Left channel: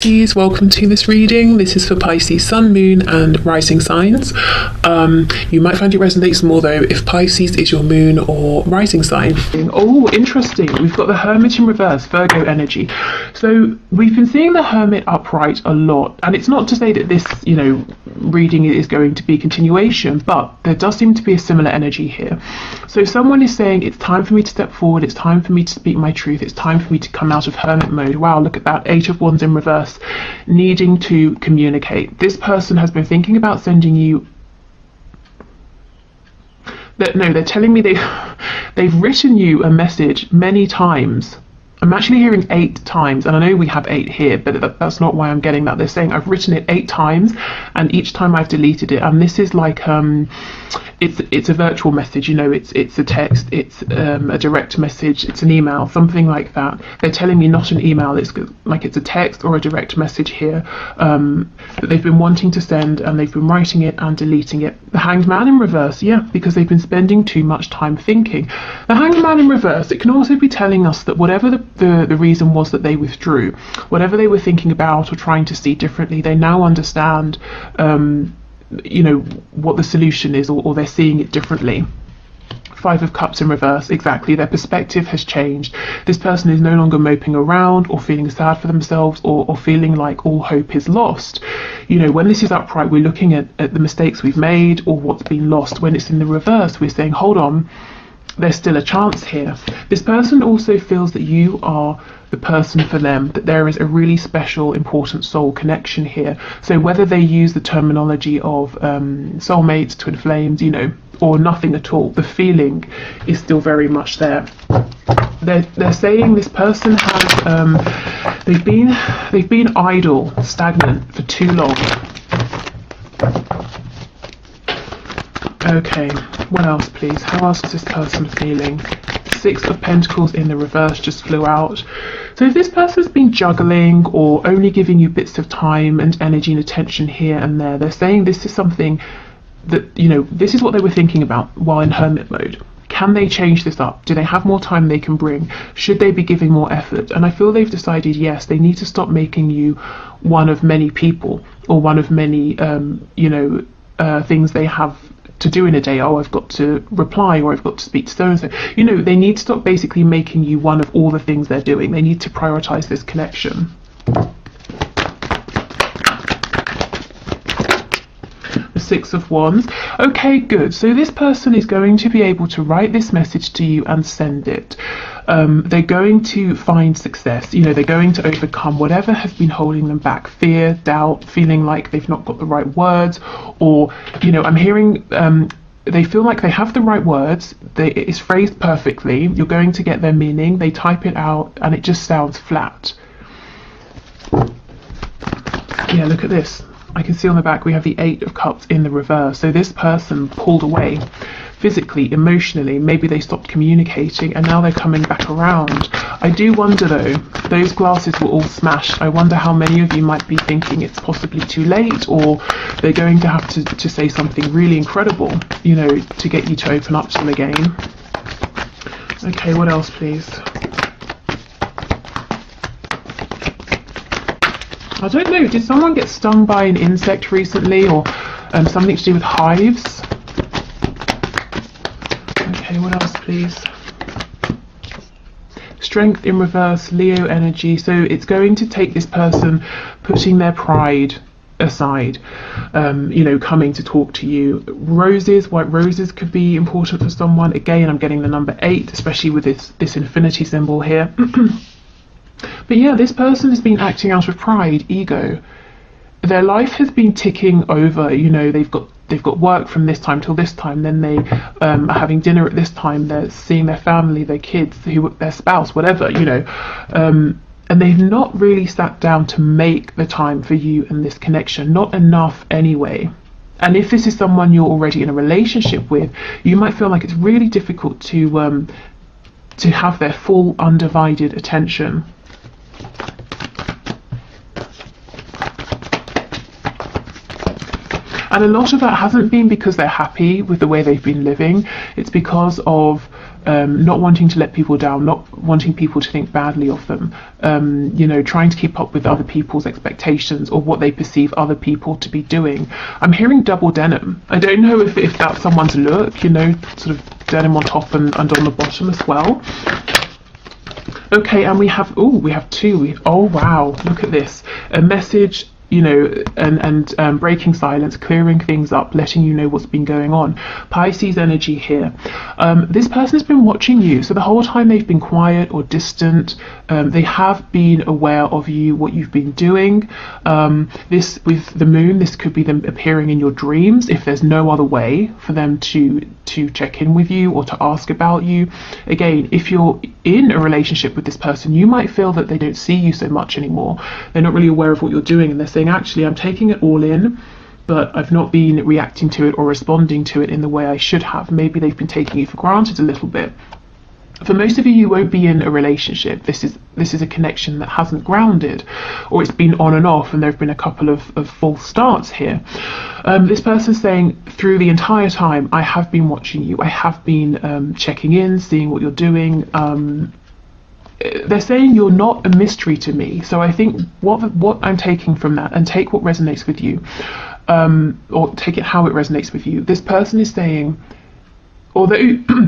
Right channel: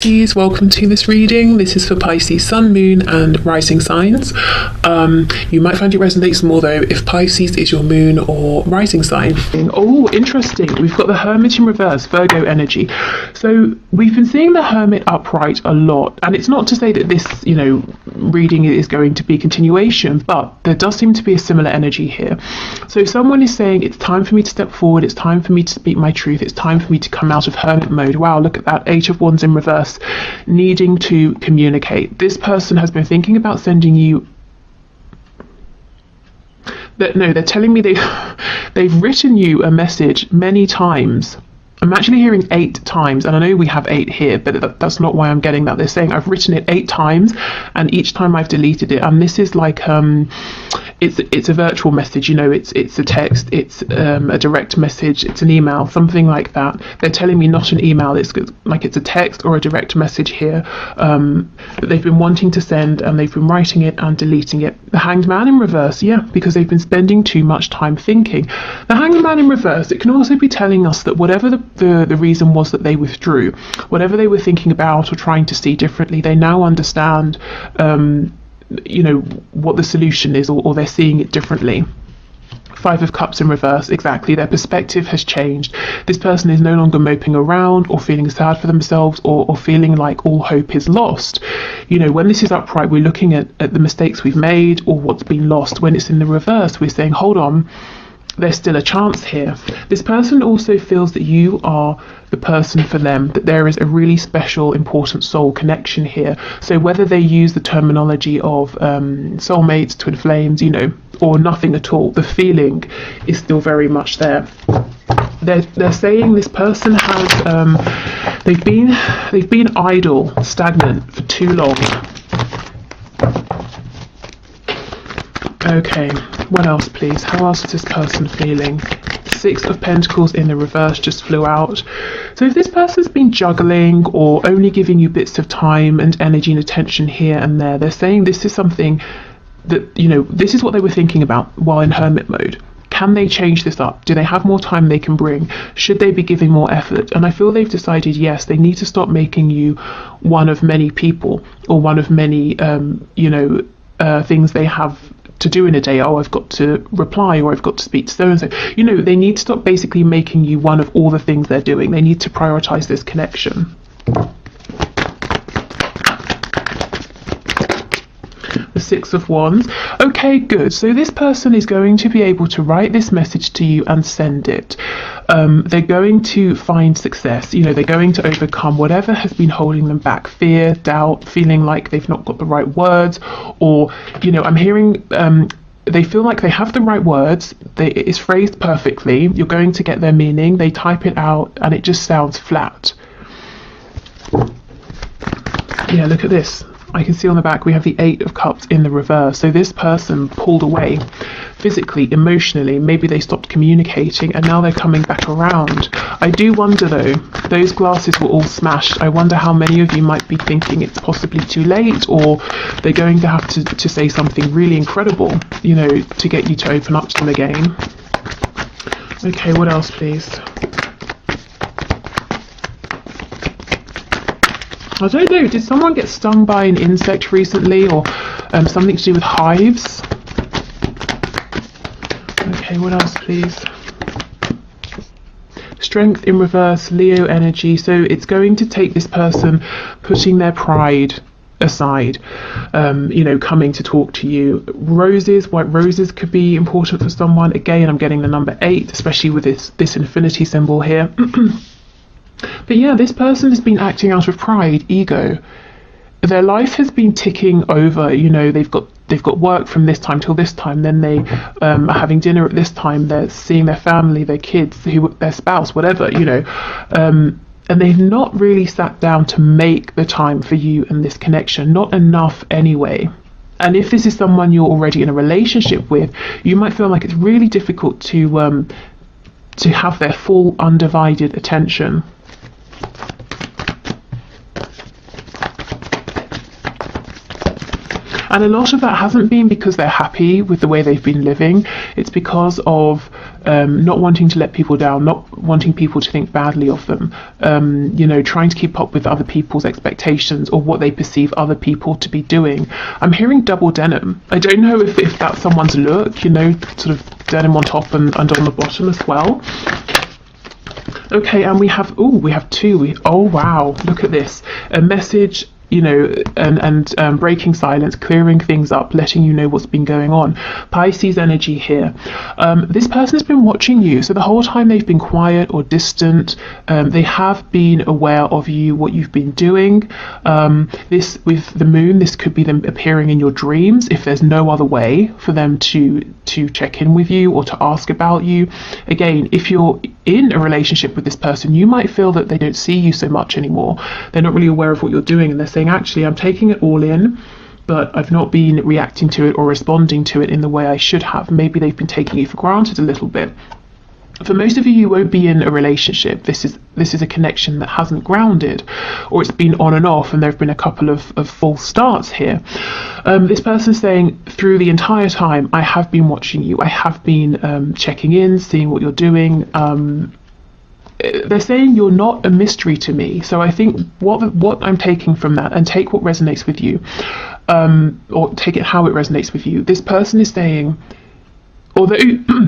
Pisces, welcome to this reading. This is for Pisces Sun, Moon and Rising signs. You might find it resonates more though if Pisces is your moon or rising sign. Oh, interesting. We've got the Hermit in reverse, Virgo energy. So we've been seeing the Hermit upright a lot, and it's not to say that this, reading is going to be continuation, but there does seem to be a similar energy here. So someone is saying it's time for me to step forward, it's time for me to speak my truth, it's time for me to come out of Hermit mode. Wow, look at that, Eight of Wands in reverse. Needing to communicate. This person has been thinking about sending you. They're telling me they've written you a message many times. I'm actually hearing 8 times, and I know we have 8 here, but that's not why I'm getting that. They're saying I've written it 8 times, and each time I've deleted it. And this is like it's a virtual message, it's a text, it's a direct message, it's an email, something like that. They're telling me not an email, it's like it's a text or a direct message here that they've been wanting to send, and they've been writing it and deleting it. The Hanged Man in reverse, yeah, because they've been spending too much time thinking. The Hanged Man in reverse, it can also be telling us that whatever the reason was that they withdrew, whatever they were thinking about or trying to see differently, they now understand what the solution is, or they're seeing it differently. 5 of Cups in reverse, exactly. Their perspective has changed. This person is no longer moping around or feeling sad for themselves or feeling like all hope is lost. When this is upright, we're looking at the mistakes we've made or what's been lost. When it's in the reverse, we're saying, hold on, there's still a chance here. This person also feels that you are the person for them, that there is a really special, important soul connection here. So whether they use the terminology of soulmates, twin flames, or nothing at all, the feeling is still very much there. They're saying this person has they've been idle, stagnant for too long. Okay, what else please? How else is this person feeling? 6 of Pentacles in the reverse just flew out. So if this person's been juggling or only giving you bits of time and energy and attention here and there, they're saying this is something that, this is what they were thinking about while in Hermit mode. Can they change this up? Do they have more time they can bring? Should they be giving more effort? And I feel they've decided, yes, they need to stop making you one of many people or one of many, things they have to do in a day. Oh, I've got to reply, or I've got to speak to so and so. They need to stop basically making you one of all the things they're doing. They need to prioritize this connection. The 6 of Wands. Okay, good. So this person is going to be able to write this message to you and send it. They're going to find success. They're going to overcome whatever has been holding them back. Fear, doubt, feeling like they've not got the right words, or, I'm hearing they feel like they have the right words. It's phrased perfectly. You're going to get their meaning. They type it out and it just sounds flat. Yeah, look at this. I can see on the back we have the 8 of Cups in the reverse. So this person pulled away physically, emotionally. Maybe they stopped communicating and now they're coming back around. I do wonder though, those glasses were all smashed. I wonder how many of you might be thinking it's possibly too late, or they're going to have to say something really incredible, to get you to open up to them again. Okay, what else please? I don't know, did someone get stung by an insect recently, or something to do with hives? Okay, what else please? Strength in reverse, Leo energy. So it's going to take this person putting their pride aside, coming to talk to you. Roses, white roses could be important for someone. Again, I'm getting the number 8, especially with this infinity symbol here. But yeah, this person has been acting out of pride, ego. Their life has been ticking over. They've got work from this time till this time. Then they are having dinner at this time. They're seeing their family, their kids, their spouse, whatever. And they've not really sat down to make the time for you and this connection. Not enough anyway. And if this is someone you're already in a relationship with, you might feel like it's really difficult to have their full undivided attention. And a lot of that hasn't been because they're happy with the way they've been living. It's because of not wanting to let people down, not wanting people to think badly of them, you know, trying to keep up with other people's expectations or what they perceive other people to be doing. I'm hearing double denim. I don't know if that's someone's look, you know, sort of denim on top and on the bottom as well. Okay, and we have two. Oh wow, look at this. A message, you know, and breaking silence, clearing things up, letting you know what's been going on. Pisces energy here. This person has been watching you, so the whole time they've been quiet or distant. They have been aware of you, what you've been doing. This with the moon, this could be them appearing in your dreams if there's no other way for them to check in with you or to ask about you. Again, if you're in a relationship with this person, you might feel that they don't see you so much anymore. They're not really aware of what you're doing, and they're saying, actually, I'm taking it all in, but I've not been reacting to it or responding to it in the way I should have. Maybe they've been taking it for granted a little bit. For most of you, you won't be in a relationship. This is a connection that hasn't grounded, or it's been on and off, and there have been a couple of false starts here. This person's saying, through the entire time, I have been watching you. I have been checking in, seeing what you're doing. They're saying you're not a mystery to me. So I think what I'm taking from that, and take what resonates with you, or take it how it resonates with you. This person is saying, although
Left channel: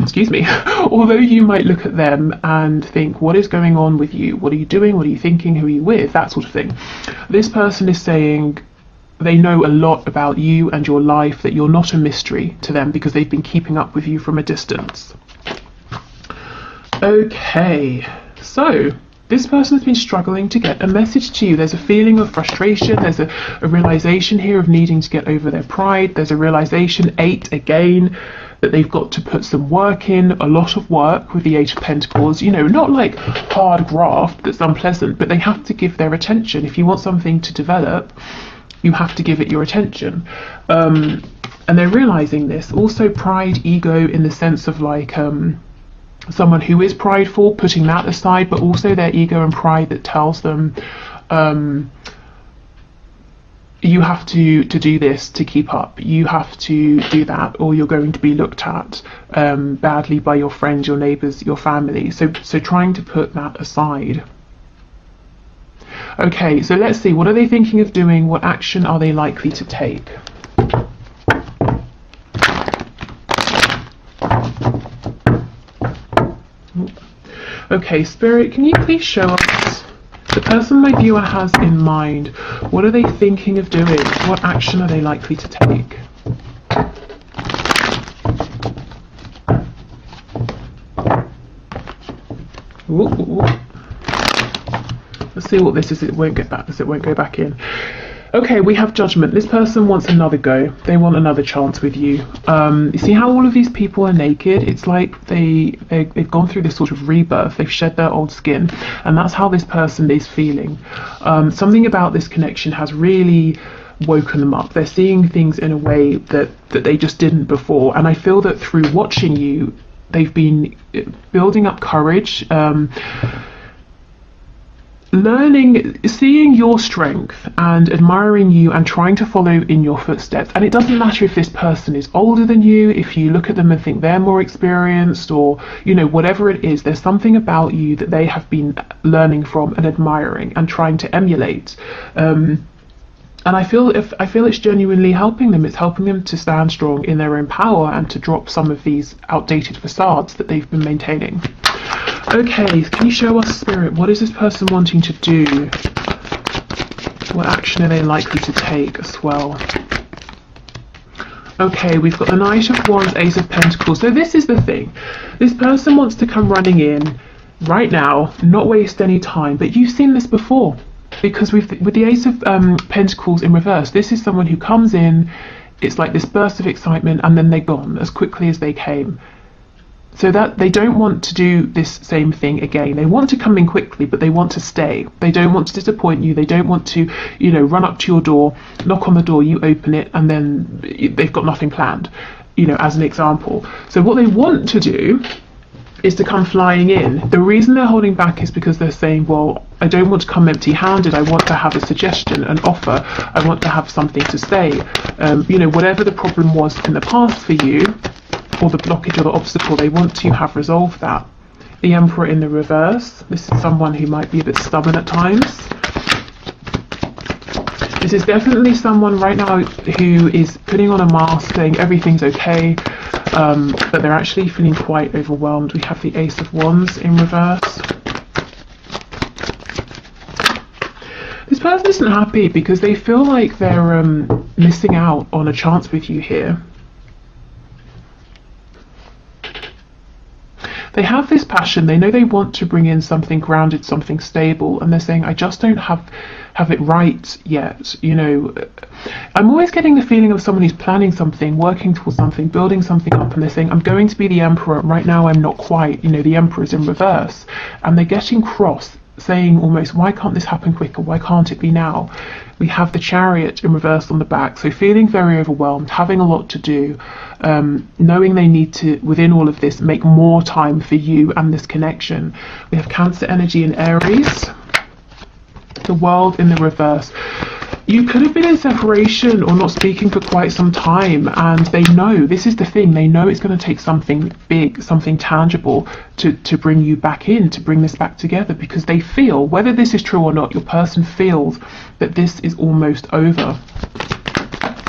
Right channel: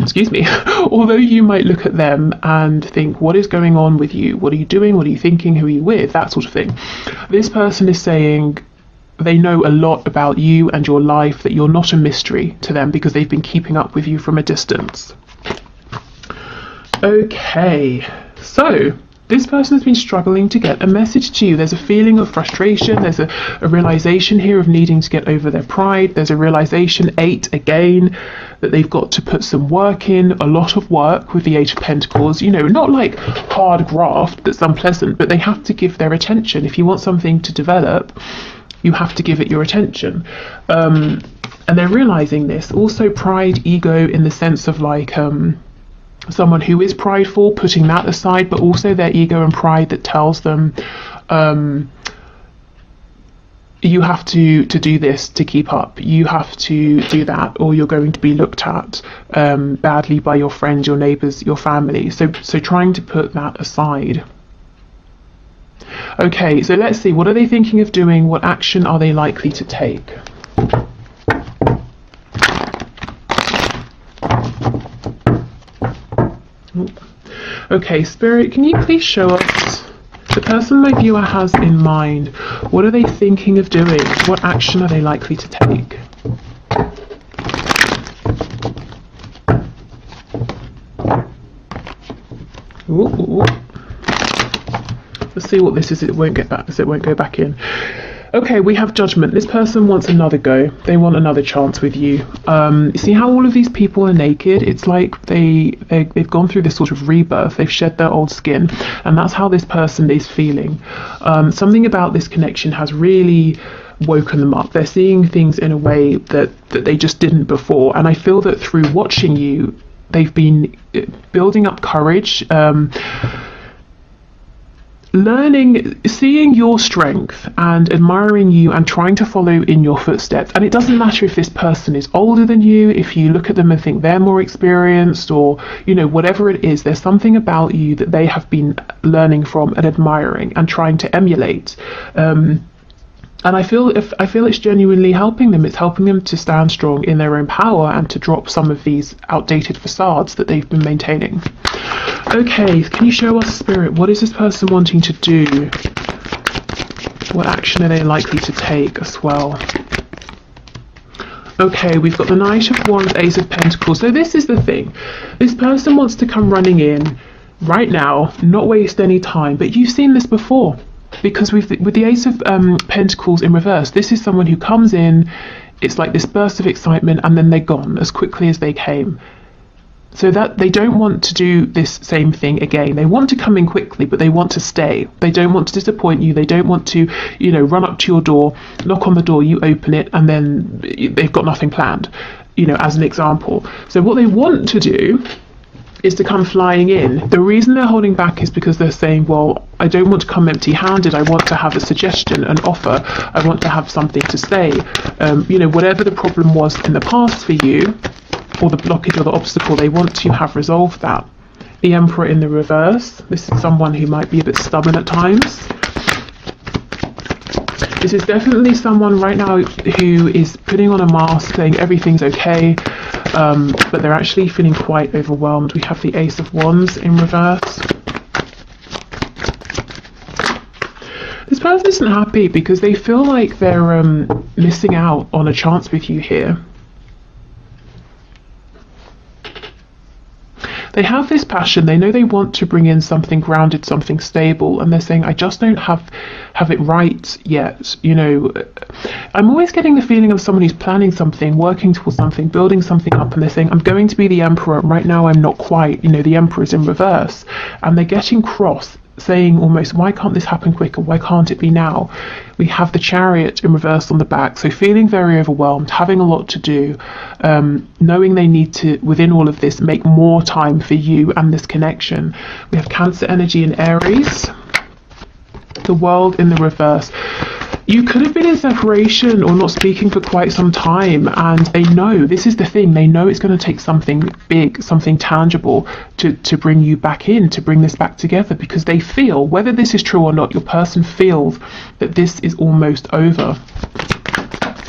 excuse me, although you might look at them and think, what is going on with you? What are you doing? What are you thinking? Who are you with? That sort of thing. This person is saying they know a lot about you and your life, that you're not a mystery to them because they've been keeping up with you from a distance. Okay, so this person has been struggling to get a message to you. There's a feeling of frustration. There's a realization here of needing to get over their pride. There's a realization, 8 again, that they've got to put some work in, a lot of work with the 8 of Pentacles. You know, not like hard graft that's unpleasant, but they have to give their attention. If you want something to develop, you have to give it your attention. And they're realizing this. Also pride, ego, in the sense of like, someone who is prideful, putting that aside, but also their ego and pride that tells them you have to do this to keep up, you have to do that, or you're going to be looked at badly by your friends, your neighbours, your family. So trying to put that aside. Okay, so let's see, what are they thinking of doing? What action are they likely to take? Okay, Spirit, can you please show us the person my viewer has in mind? What are they thinking of doing? What action are they likely to take? Ooh. Let's see what this is. It won't get back, so it won't go back in. Okay, we have Judgment. This person wants another go. They want another chance with you. You see how all of these people are naked? It's like they've gone through this sort of rebirth. They've shed their old skin, and that's how this person is feeling. Something about this connection has really woken them up. They're seeing things in a way that they just didn't before, and I feel that through watching you, they've been building up courage, learning, seeing your strength and admiring you and trying to follow in your footsteps. And it doesn't matter if this person is older than you, if you look at them and think they're more experienced, or, you know, whatever it is, there's something about you that they have been learning from and admiring and trying to emulate. And I feel it's genuinely helping them. It's helping them to stand strong in their own power and to drop some of these outdated facades that they've been maintaining. Okay, can you show us, Spirit, what is this person wanting to do? What action are they likely to take as well? Okay, we've got the Knight of Wands, Ace of Pentacles. So this is the thing. This person wants to come running in right now, not waste any time. But you've seen this before. Because with the Ace of Pentacles in reverse, this is someone who comes in, it's like this burst of excitement, and then they're gone as quickly as they came. So that they don't want to do this same thing again. They want to come in quickly, but they want to stay. They don't want to disappoint you. They don't want to, you know, run up to your door, knock on the door, you open it, and then they've got nothing planned, you know, as an example. So what they want to do is to come flying in. The reason they're holding back is because they're saying, well, I don't want to come empty-handed. I want to have a suggestion, an offer. I want to have something to say. You know, whatever the problem was in the past for you, or the blockage or the obstacle, they want to have resolved that. The Emperor in the reverse. This is someone who might be a bit stubborn at times. This is definitely someone right now who is putting on a mask, saying everything's okay, but they're actually feeling quite overwhelmed. We have the Ace of Wands in reverse. This person isn't happy because they feel like they're missing out on a chance with you here. They have this passion, they know they want to bring in something grounded, something stable, and they're saying, I just don't have it right yet. You know, I'm always getting the feeling of someone who's planning something, working towards something, building something up, and they're saying, I'm going to be the Emperor. Right now I'm not quite. You know, the Emperor's in reverse. And they're getting cross, saying almost, why can't this happen quicker? Why can't it be now? We have the Chariot in reverse on the back, so feeling very overwhelmed, having a lot to do, knowing they need to, within all of this, make more time for you and this connection. We have Cancer energy in Aries, the World in the reverse. You could have been in separation or not speaking for quite some time, and they know, this is the thing, they know it's going to take something big, something tangible to bring you back in, to bring this back together, because they feel, whether this is true or not, your person feels that this is almost over.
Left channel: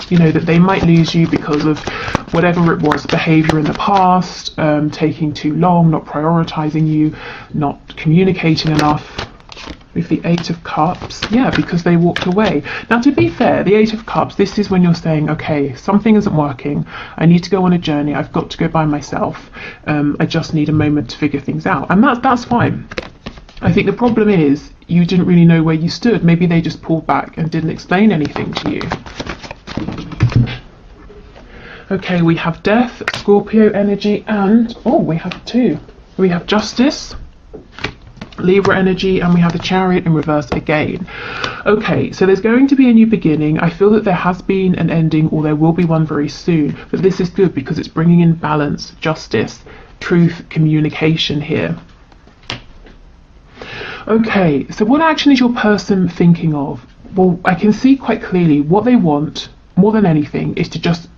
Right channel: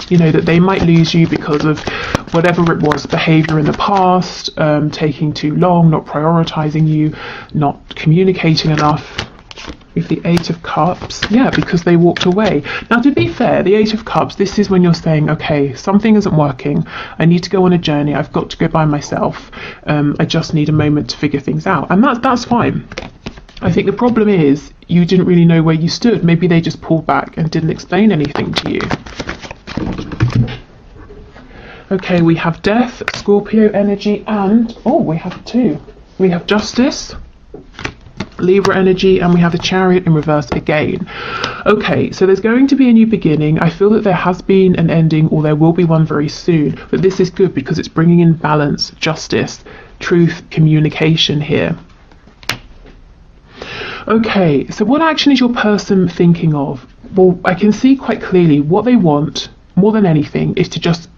You know, that they might lose you because of whatever it was, behaviour in the past, taking too long, not prioritising you, not communicating enough. With the Eight of Cups, yeah, because they walked away. Now, to be fair, the Eight of Cups, this is when you're saying, okay, something isn't working, I need to go on a journey, I've got to go by myself, I just need a moment to figure things out, and that's fine. I think the problem is you didn't really know where you stood. Maybe they just pulled back and didn't explain anything to you. Okay, we have Death, Scorpio energy, and we have two. We have Justice, Libra energy, and we have the Chariot in reverse again. Okay, so there's going to be a new beginning. I feel that there has been an ending, or there will be one very soon, but this is good because it's bringing in balance, justice, truth, communication here. Okay, so what action is your person thinking of? Well, I can see quite clearly what they want more than anything is to just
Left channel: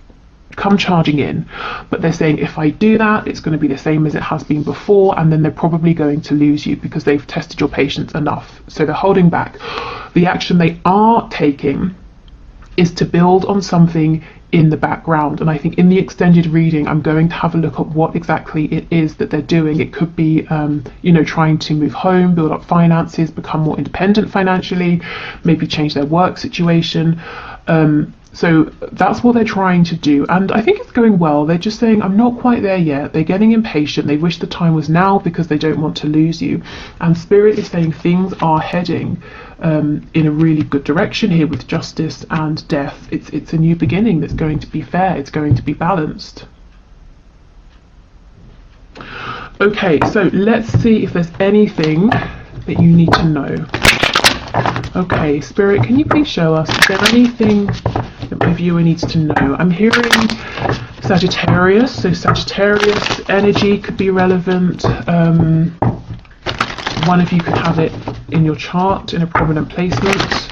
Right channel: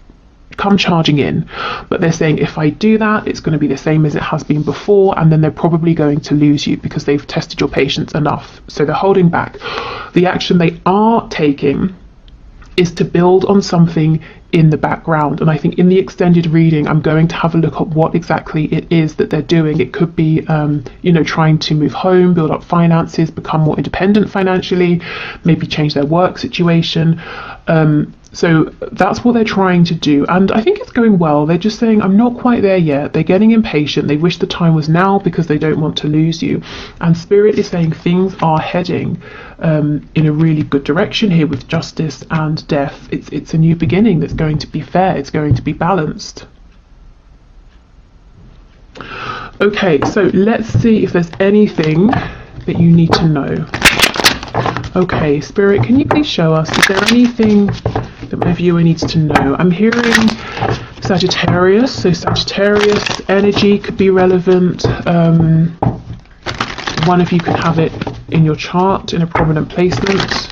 come charging in, but they're saying, if I do that, it's going to be the same as it has been before, and then they're probably going to lose you because they've tested your patience enough, so they're holding back. The action they are taking is to build on something in the background, and I think in the extended reading I'm going to have a look at what exactly it is that they're doing. It could be you know, trying to move home, build up finances, become more independent financially, maybe change their work situation. So that's what they're trying to do, and I think it's going well. They're just saying, I'm not quite there yet. They're getting impatient. They wish the time was now because they don't want to lose you. And Spirit is saying things are heading in a really good direction here with Justice and Death. It's a new beginning that's going to be fair. It's going to be balanced. Okay, so let's see if there's anything that you need to know. Okay, Spirit, can you please show us, is there anything that my viewer needs to know? I'm hearing Sagittarius, so Sagittarius energy could be relevant. One of you can have it in your chart in a prominent placement.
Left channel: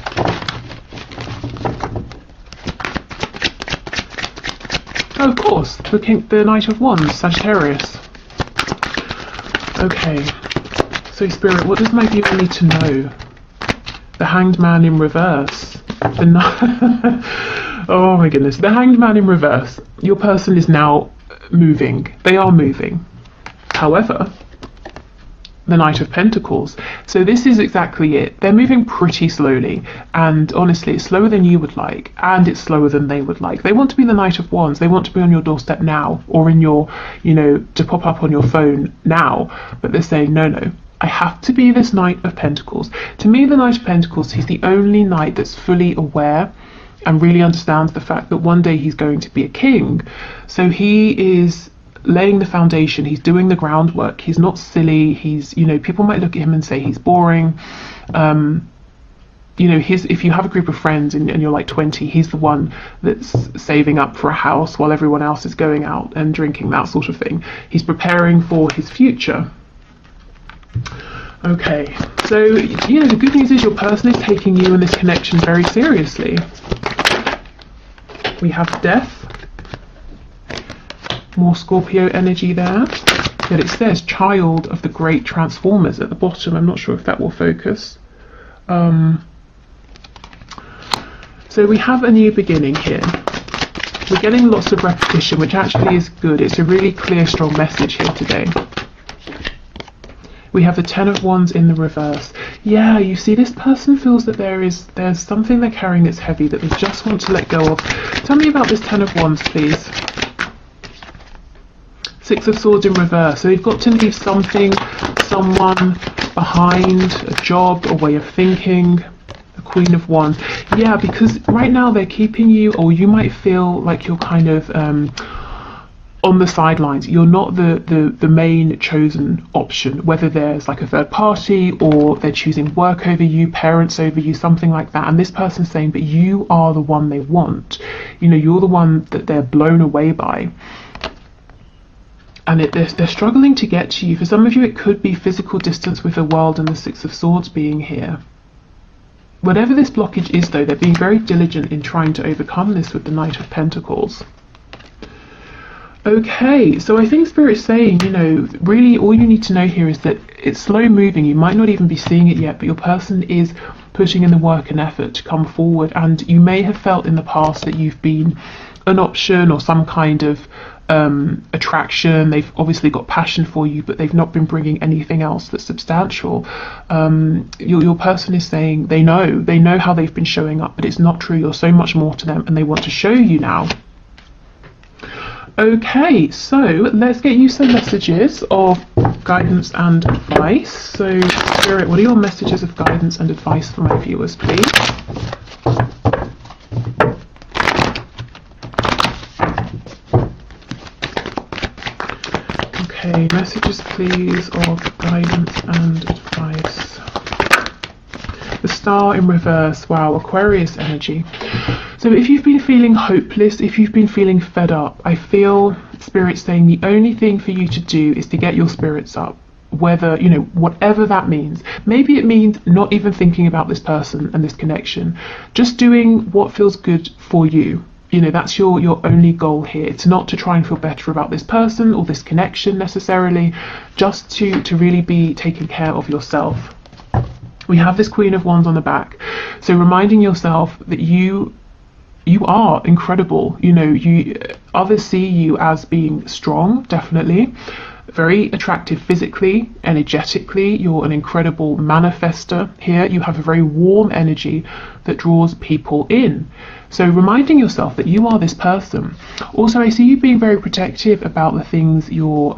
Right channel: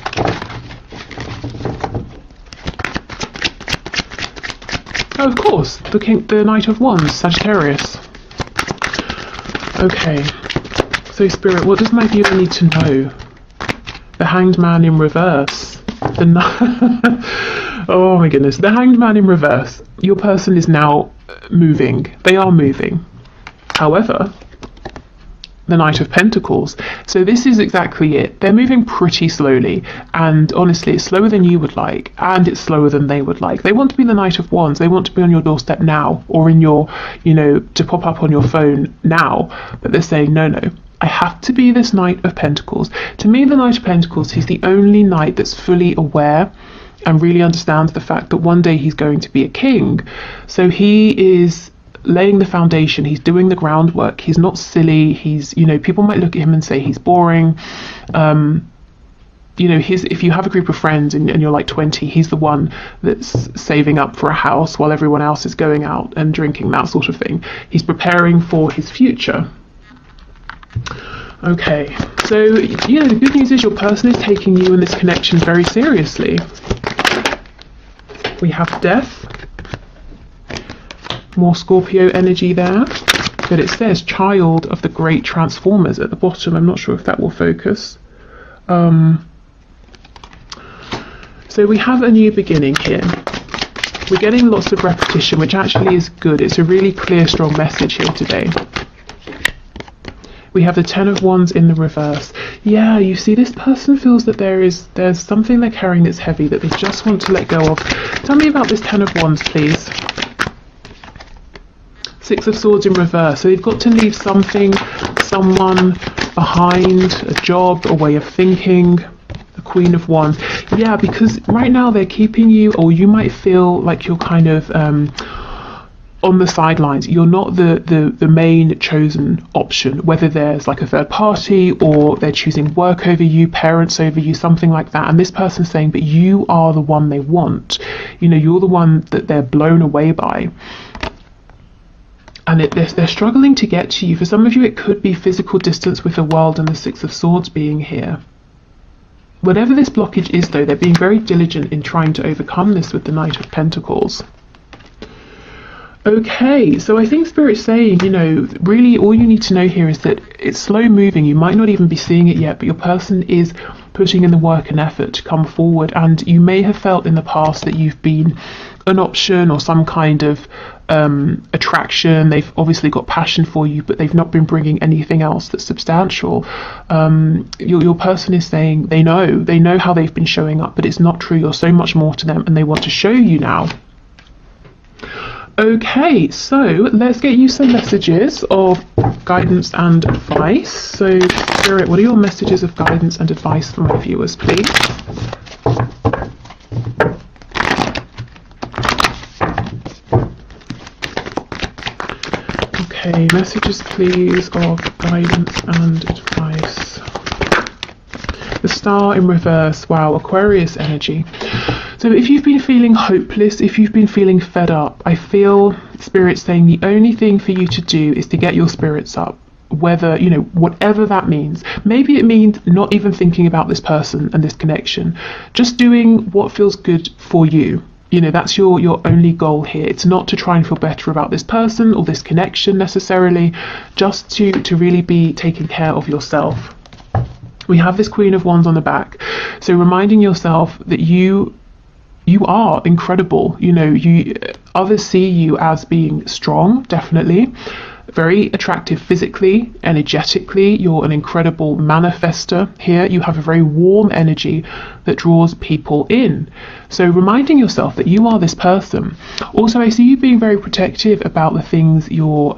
Oh, of course, the Knight of Wands, Sagittarius. Okay, so Spirit, what does my viewer need to know? The Hanged Man in reverse. Oh my goodness, the Hanged Man in reverse. Your person is now moving. They are moving. However, the Knight of Pentacles. So this is exactly it. They're moving pretty slowly, and honestly, it's slower than you would like, and it's slower than they would like. They want to be the Knight of Wands. They want to be on your doorstep now, or in your, you know, to pop up on your phone now. But they're saying, no. I have to be this Knight of Pentacles. To me, the Knight of Pentacles, he's the only knight that's fully aware and really understands the fact that one day he's going to be a king. So he is laying the foundation, he's doing the groundwork, he's not silly, he's, you know, people might look at him and say he's boring. You know, if you have a group of friends and you're like 20, he's the one that's saving up for a house while everyone else is going out and drinking, that sort of thing. He's preparing for his future. Okay, so, you know, the good news is your person is taking you and this connection very seriously. We have Death, More Scorpio energy there. But it says child of the great transformers at the bottom. I'm not sure if that will focus. So we have a new beginning here. We're getting lots of repetition, which actually is good. It's a really clear, strong message here today. We have the Ten of Wands in the reverse. Yeah, you see, this person feels that there's something they're carrying that's heavy that they just want to let go of. Tell me about this Ten of Wands, please. Six of Swords in reverse. So you've got to leave something, someone behind, a job, a way of thinking. The Queen of Wands. Yeah, because right now they're keeping you, or you might feel like you're kind of on the sidelines. You're not the main chosen option, whether there's like a third party or they're choosing work over you, parents over you, something like that. And this person's saying, but you are the one they want. You know, you're the one that they're blown away by. And they're struggling to get to you. For some of you, it could be physical distance with the world and the Six of Swords being here. Whatever this blockage is, though, they're being very diligent in trying to overcome this with the Knight of Pentacles. Okay, so I think Spirit's saying, you know, really all you need to know here is that it's slow moving. You might not even be seeing it yet, but your person is putting in the work and effort to come forward. And you may have felt in the past that you've been an option or some kind of attraction. They've obviously got passion for you, but they've not been bringing anything else that's substantial. Your person is saying they know how they've been showing up, but it's not true. You're so much more to them, and they want to show you now. Okay, so let's get you some messages of guidance and advice. So, Spirit, what are your messages of guidance and advice for my viewers, please? Okay, messages, please, of guidance and advice. The Star in reverse. Wow, Aquarius energy. So if you've been feeling hopeless, if you've been feeling fed up, I feel Spirit saying the only thing for you to do is to get your spirits up. Whether, you know, whatever that means. Maybe it means not even thinking about this person and this connection. Just doing what feels good for you. You know, that's your only goal here. It's not to try and feel better about this person or this connection necessarily. Just to really be taking care of yourself. We have this Queen of Wands on the back. So reminding yourself that you are incredible. You know, others see you as being strong, definitely, very attractive physically, energetically. You're an incredible manifester here. You have a very warm energy that draws people in. So reminding yourself that you are this person. Also, I see you being very protective about the things you're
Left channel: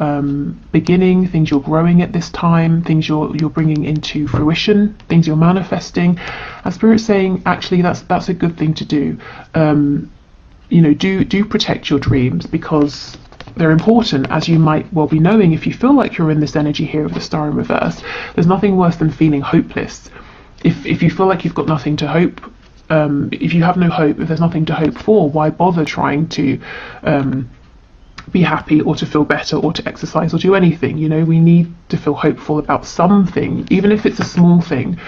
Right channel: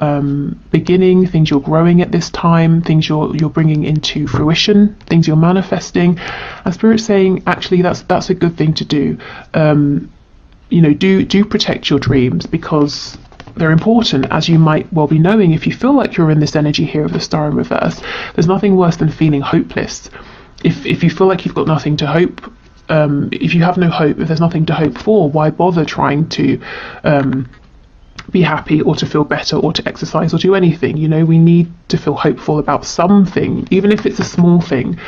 beginning, things you're growing at this time, things you're bringing into fruition, things you're manifesting. And Spirit's saying, actually, that's a good thing to do. You know, do protect your dreams, because they're important, as you might well be knowing if you feel like you're in this energy here of the Star in reverse. There's nothing worse than feeling hopeless. If you feel like you've got nothing to hope, if you have no hope, if there's nothing to hope for, why bother trying to be happy or to feel better or to exercise or do anything? You know, we need to feel hopeful about something, even if it's a small thing.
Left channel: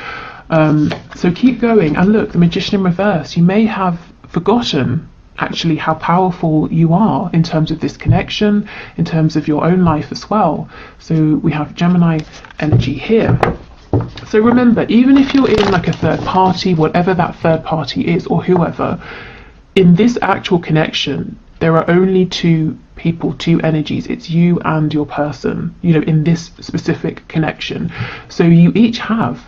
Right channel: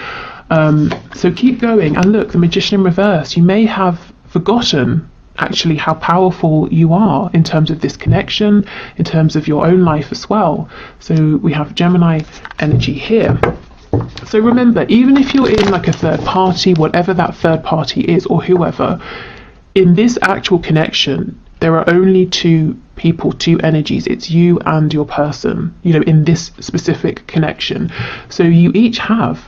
So keep going. And look, the Magician in reverse. You may have forgotten actually how powerful you are in terms of this connection, in terms of your own life as well. So we have Gemini energy here. So remember, even if you're in like a third party, whatever that third party is, or whoever, in this actual connection, there are only two people, two energies. It's you and your person, you know, in this specific connection. So you each have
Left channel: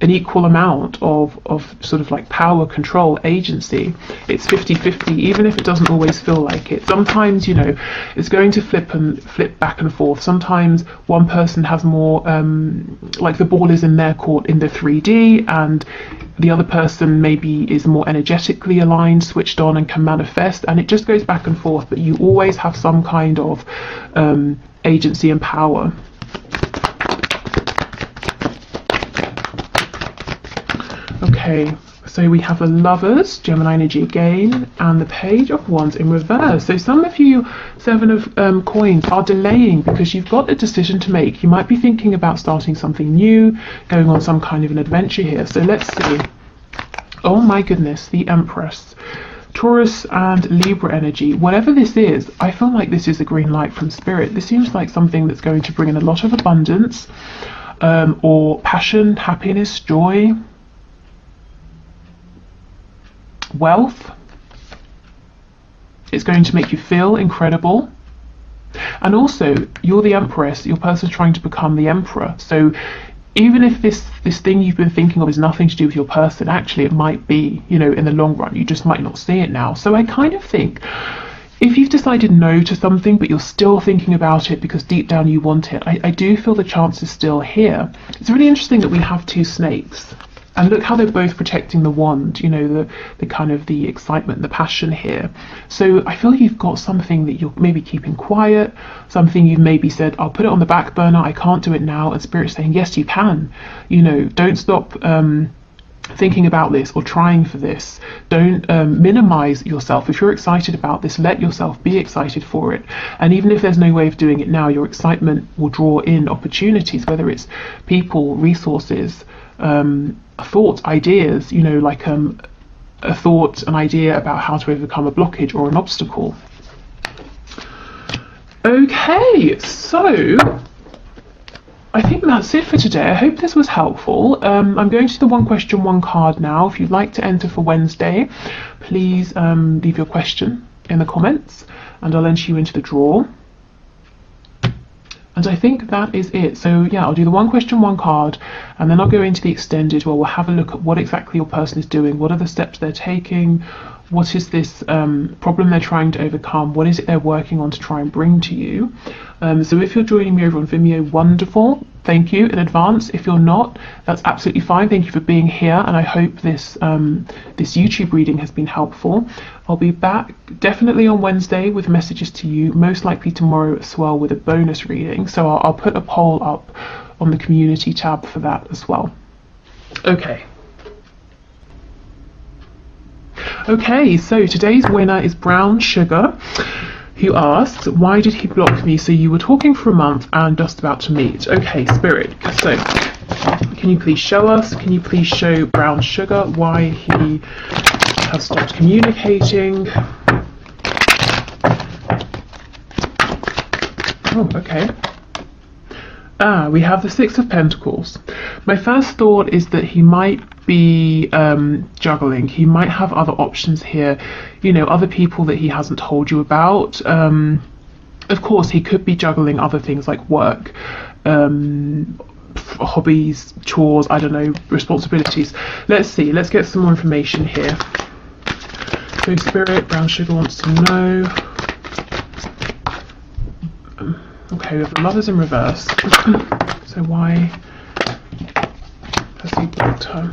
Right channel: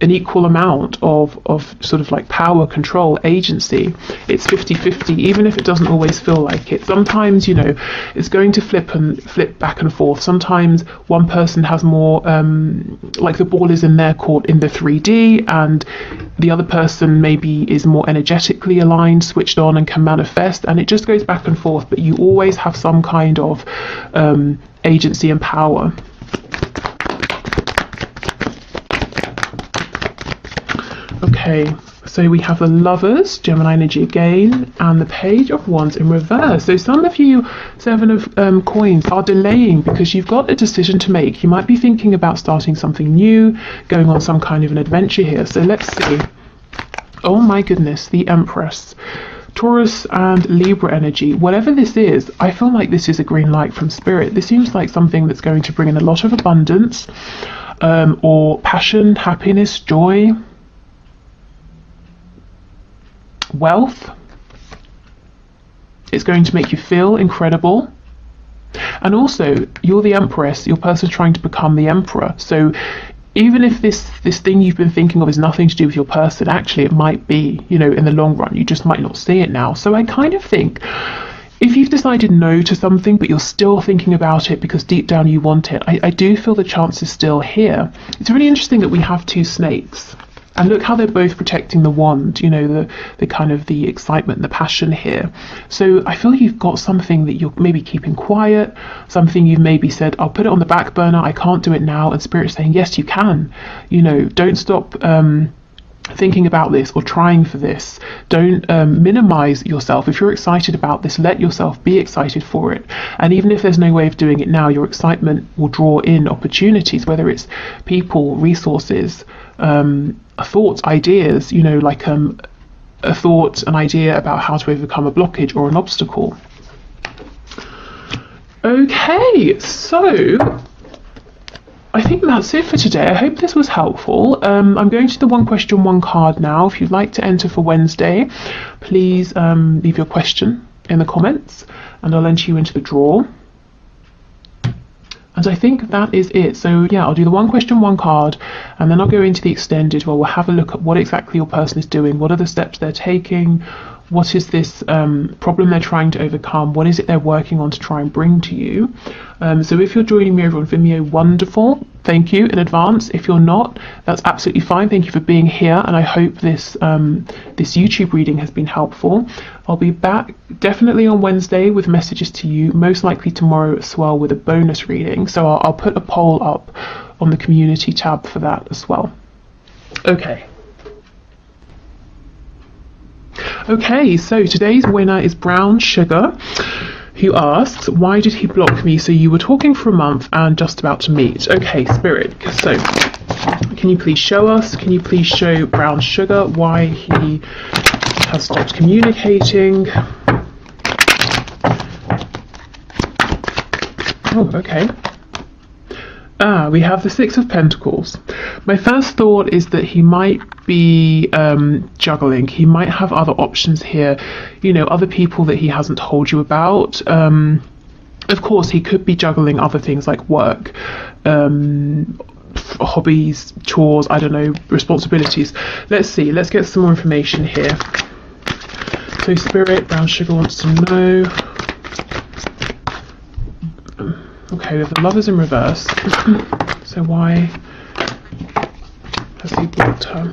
an equal amount of sort of like power, control, agency. It's 50-50, even if it doesn't always feel like it. Sometimes, you know, it's going to flip back and forth. Sometimes one person has more, like the ball is in their court in the 3D, and the other person maybe is more energetically aligned, switched on, and can manifest, and it just goes back and forth, but you always have some kind of agency and power. Okay, so we have the Lovers, Gemini energy again, and the Page of Wands in reverse. So some of you, Seven of Coins, are delaying because you've got a decision to make. You might be thinking about starting something new, going on some kind of an adventure here. So let's see. Oh my goodness, the Empress. Taurus and Libra energy, whatever this is, I feel like this is a green light from spirit. This seems like something that's going to bring in a lot of abundance, or passion, happiness, joy, wealth. It's going to make you feel incredible. And also, you're the Empress, your person's trying to become the Emperor. So even if this thing you've been thinking of has nothing to do with your person, actually it might be, you know, in the long run. You just might not see it now. So I kind of think if you've decided no to something, but you're still thinking about it because deep down you want it, I do feel the chance is still here. It's really interesting that we have two snakes. And look how they're both protecting the wand, you know, the kind of the excitement, the passion here. So I feel you've got something that you're maybe keeping quiet, something you've maybe said, I'll put it on the back burner, I can't do it now. And Spirit's saying, yes, you can. You know, don't stop thinking about this or trying for this. Don't minimize yourself. If you're excited about this, let yourself be excited for it. And even if there's no way of doing it now, your excitement will draw in opportunities, whether it's people, resources, thoughts, ideas, you know, like a thought, an idea about how to overcome a blockage or an obstacle. Okay, so I think that's it for today. I hope this was helpful. I'm going to the one question, one card now. If you'd like to enter for Wednesday, please leave your question in the comments and I'll enter you into the draw. And I think that is it. So yeah, I'll do the one question, one card, and then I'll go into the extended where we'll have a look at what exactly your person is doing, what are the steps they're taking, what is this problem they're trying to overcome, what is it they're working on to try and bring to you. So if you're joining me over on Vimeo, wonderful, thank you in advance. If you're not, that's absolutely fine. Thank you for being here, and I hope this this YouTube reading has been helpful. I'll be back definitely on Wednesday with messages to you, most likely tomorrow as well with a bonus reading. So I'll put a poll up on the community tab for that as well. Okay. Okay, so today's winner is Brown Sugar, who asks, why did he block me? So you were talking for a month and just about to meet. Okay, Spirit, so can you please show us, can you please show Brown Sugar why he has stopped communicating? Oh, okay. We have the Six of Pentacles. My first thought is that he might be juggling. He might have other options here, you know, other people that he hasn't told you about. Of course, he could be juggling other things like work, hobbies, chores, I don't know, responsibilities. Let's see, let's get some more information here. So Spirit, Brown Sugar wants to know. Okay, we have the Lovers in reverse. So why has he blocked her?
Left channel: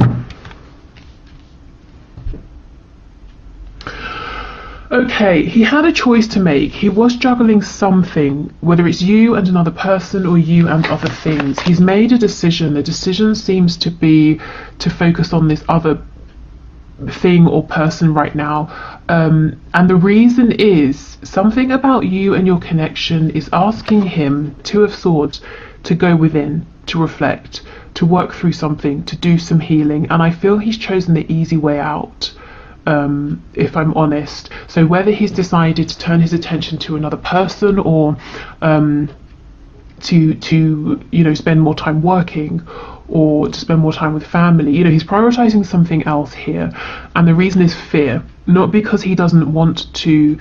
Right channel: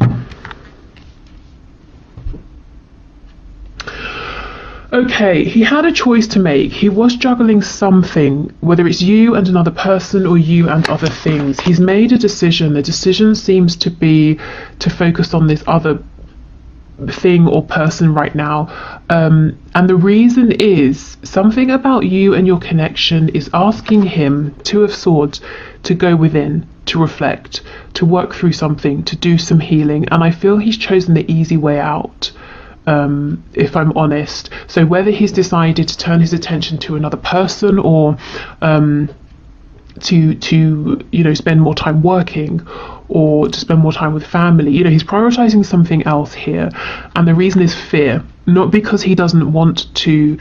Okay, he had a choice to make. He was juggling something, whether it's you and another person or you and other things. He's made a decision. The decision seems to be to focus on this other thing or person right now, and the reason is something about you and your connection is asking him, Two of Swords, to go within, to reflect, to work through something, to do some healing. And I feel he's chosen the easy way out, if I'm honest. So whether he's decided to turn his attention to another person or to you know, spend more time working or to spend more time with family, you know, he's prioritizing something else here. And the reason is fear, not because he doesn't want to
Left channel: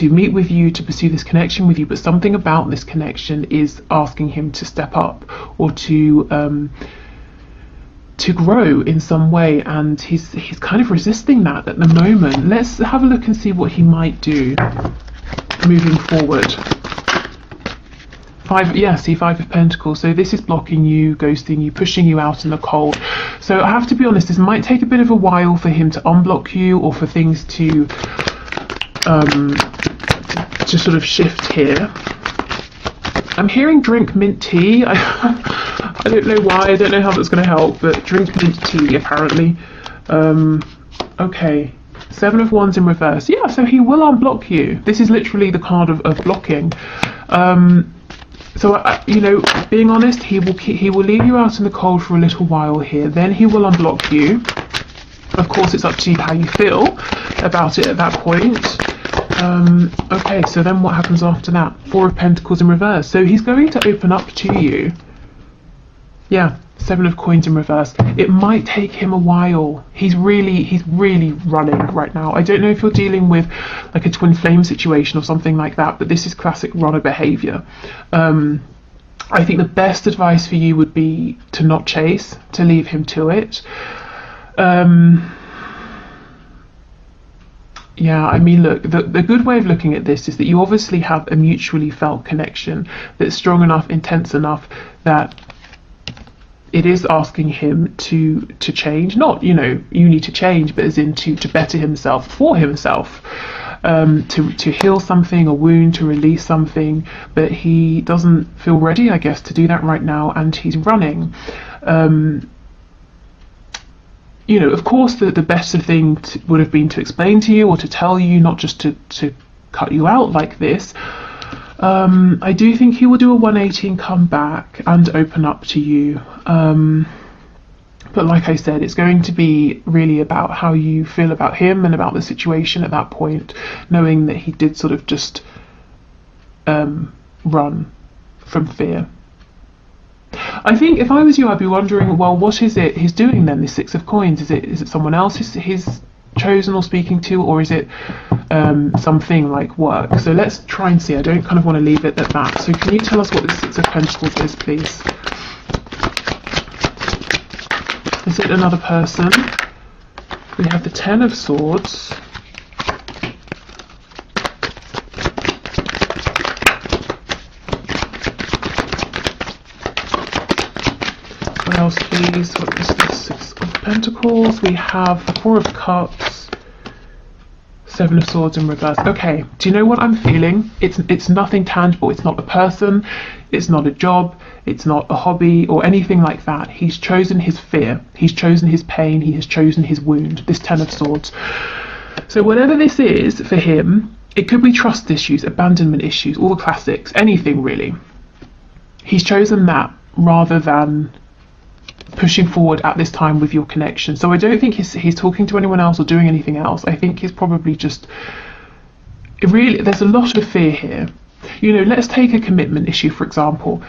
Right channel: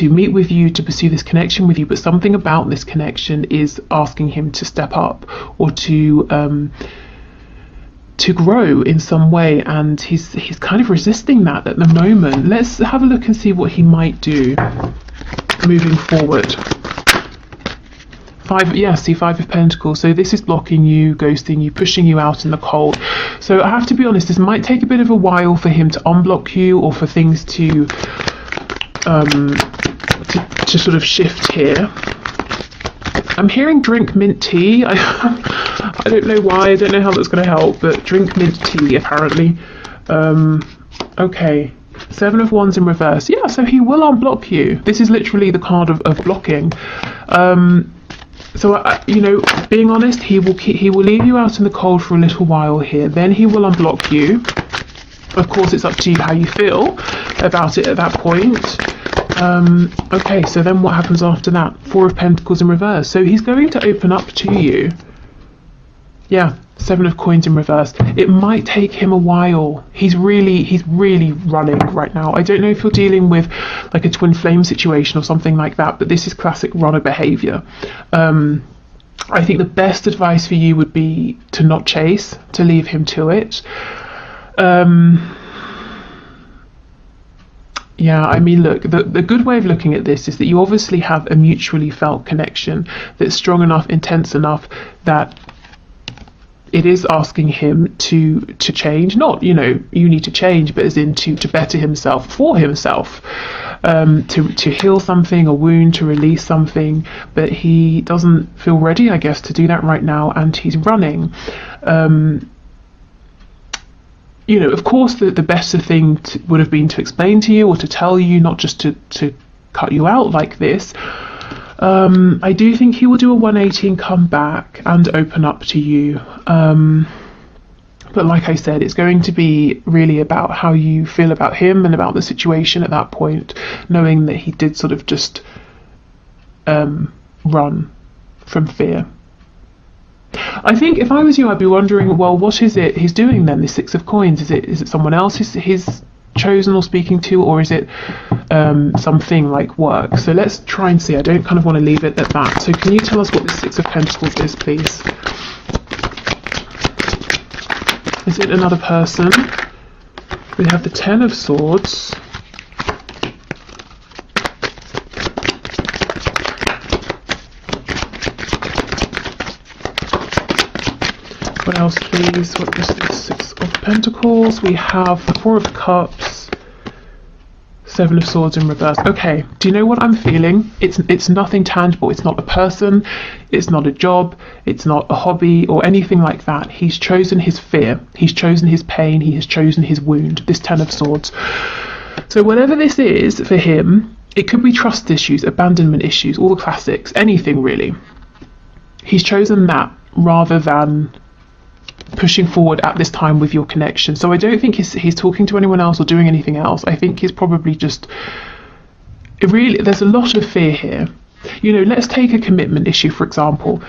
meet with you, to pursue this connection with you, but something about this connection is asking him to step up or to grow in some way, and he's kind of resisting that at the moment. Let's have a look and see what he might do moving forward. Five of Pentacles. So this is blocking you, ghosting you, pushing you out in the cold. So I have to be honest, this might take a bit of a while for him to unblock you or for things to sort of shift here. I'm hearing drink mint tea. I don't know why, I don't know how that's going to help, but drink mint tea apparently. Okay, Seven of Wands in reverse. Yeah, so he will unblock you. This is literally the card of blocking. So you know, being honest, he will leave you out in the cold for a little while here. Then he will unblock you. Of course, it's up to you how you feel about it at that point. Okay, so then what happens after that? Four of Pentacles in reverse. So he's going to open up to you. Yeah, Seven of Coins in reverse. It might take him a while. He's really running right now. I don't know if you're dealing with like a twin flame situation or something like that, but this is classic runner behavior. I think the best advice for you would be to not chase, to leave him to it. Yeah, I mean, look, the good way of looking at this is that you obviously have a mutually felt connection that's strong enough, intense enough, that it is asking him to change. Not, you know, you need to change, but as in to better himself, for himself, to heal something, a wound, to release something, but he doesn't feel ready, I guess, to do that right now, and he's running. You know, of course, the better thing would have been to explain to you or to tell you, not just to cut you out like this. I do think he will do a 180 and come back and open up to you. But like I said, it's going to be really about how you feel about him and about the situation at that point, knowing that he did sort of just run from fear. I think if I was you, I'd be wondering, well, what is it he's doing then, this Six of Coins? Is it someone else he's chosen or speaking to, or is it something like work? So let's try and see. I don't kind of want to leave it at that. So can you tell us what the Six of Pentacles is, please? Is it another person? We have the Ten of Swords. What else, please? What is this Six of Pentacles? We have the Four of Cups, Seven of Swords in reverse. Okay, do you know what I'm feeling? It's nothing tangible. It's not a person, it's not a job, it's not a hobby or anything like that. He's chosen his fear, he's chosen his pain, he has chosen his wound, this Ten of Swords. So whatever this is for him, it could be trust issues, abandonment issues, all the classics, anything really. He's chosen that rather than pushing forward at this time with your connection. So I don't think he's talking to anyone else or doing anything else. I think he's probably just really, there's a lot of fear here. You know, let's take a commitment issue, for example.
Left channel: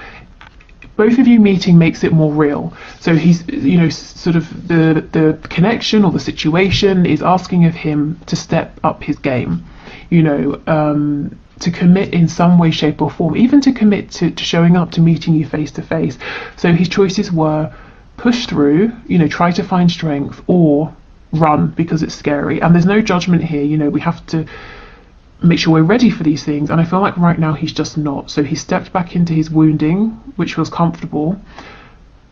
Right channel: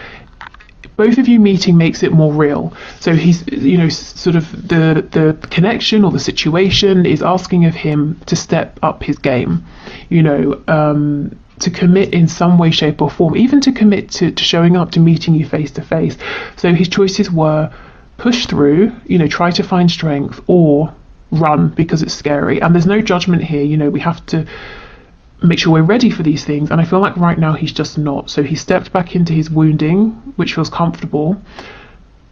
Both of you meeting makes it more real. So he's, you know, sort of the connection or the situation is asking of him to step up his game, you know, to commit in some way, shape or form, even to commit to showing up, to meeting you face to face. So his choices were push through, you know, try to find strength, or run because it's scary. And there's no judgment here. You know, we have to make sure we're ready for these things, and I feel like right now he's just not. So he stepped back into his wounding, which feels comfortable,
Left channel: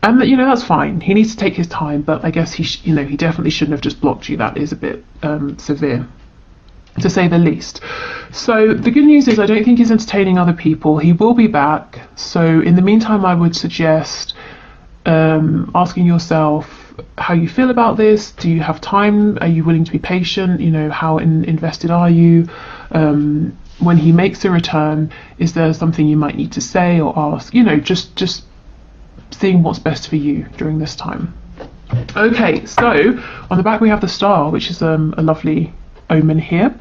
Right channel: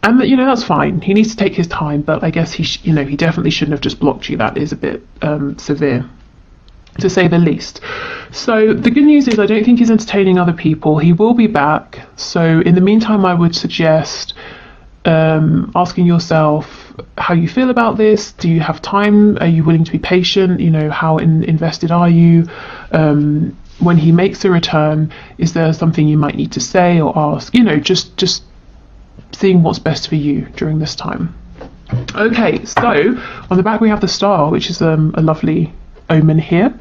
and you know, that's fine. He needs to take his time, but I guess he you know, he definitely shouldn't have just blocked you. That is a bit severe, to say the least. So the good news is I don't think he's entertaining other people. He will be back. So in the meantime, I would suggest asking yourself how you feel about this. Do you have time? Are you willing to be patient? You know, how invested are you? When he makes a return, is there something you might need to say or ask? You know, just seeing what's best for you during this time. Okay, so on the back we have the Star, which is a lovely omen here.